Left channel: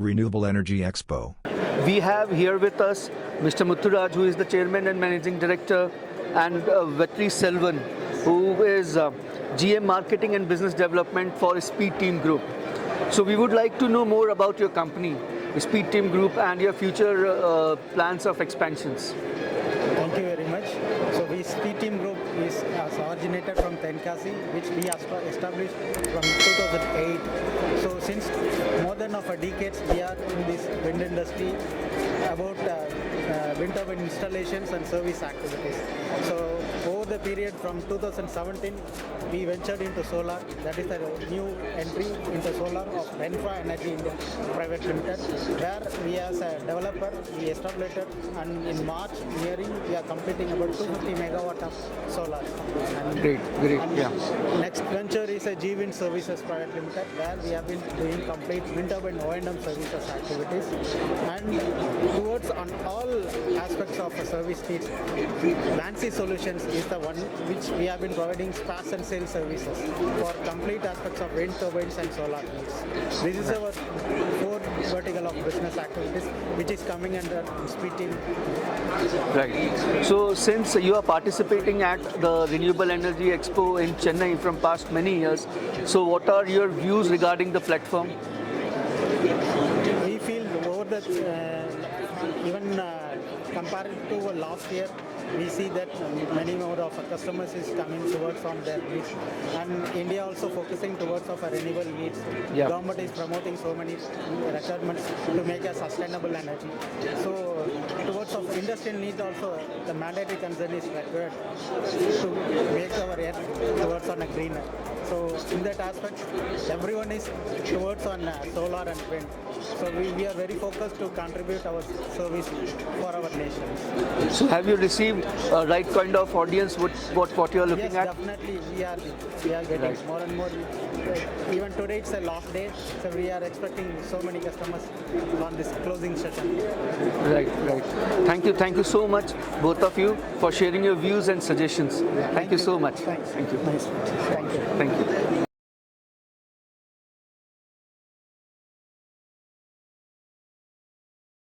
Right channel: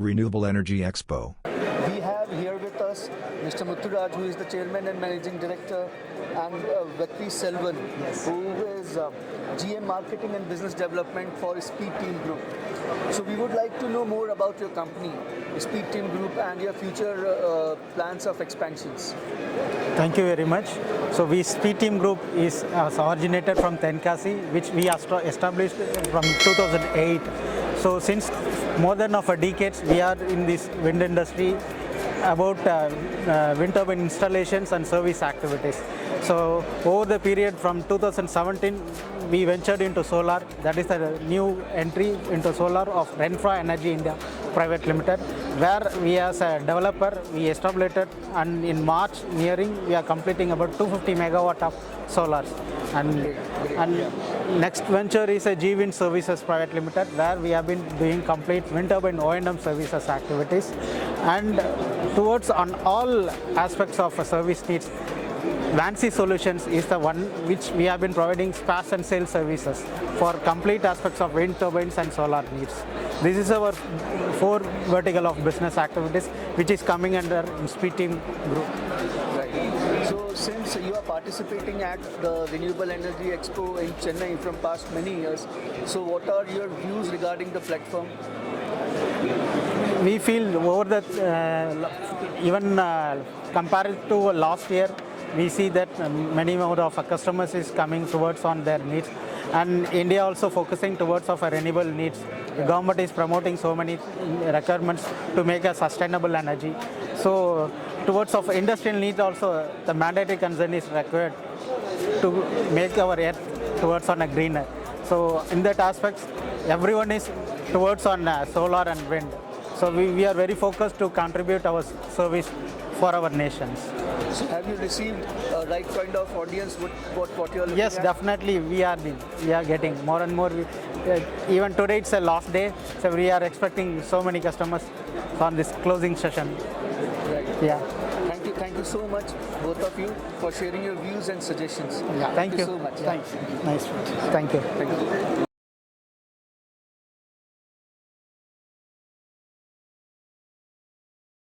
Renewable Energy Expo. We have here with us Mr. Mutturaj, who is the Chairman and Managing Director, and Vetri Selvan, who is GM Marketing and Business Development for Speed Team Group. So we would like to know more about your company, Speed Team Group, and your future plans of expansions. Thank you very much. So Speed Team Group is originated from Tenkasi, which we established from 2008. So since more than of a decade, we are in this wind industry about wind turbine installations and service activities. So over the period from 2017, we ventured into solar. That is a new entry into solar of Renewable Energy India Private Limited, where we as a developer, we established it, and in March nearing, we are completing about 250 megawatt of solar. And, next venture is a G Wind Services Private Limited, where we have been doing complete wind turbine O&M services activities. And towards on all aspects of service needs, Lancy Solutions is the one which we have been providing spares and sales services for complete aspects of wind turbines and solar needs. This is our four vertical of business activities, which is coming under Speed Team Group. Right. So since you are participating at the Renewable Energy Expo in Chennai from past many years, so what are your views regarding the platform? We feel over that even compared to last year, we see that many more of our customers is coming towards on their needs, and India also focusing towards of a renewable needs. The government is promoting so many requirements to make a sustainable energy. So towards of industrial needs also, the mandatory concern is required to make our earth towards on a greener. So in that aspect, everyone is towards on solar and wind. So we are very focused to contribute our service for our nations. So have you received a right kind of audience what you are looking Yes, at? definitely we are getting more and more. Even today it's a last day, so we are expecting so many customers on this closing session. Right. Yeah. Thank you so much, both of you, for sharing your views and suggestions. Yeah. Thank you so much. Thank you. Nice. Thank you. Thank you.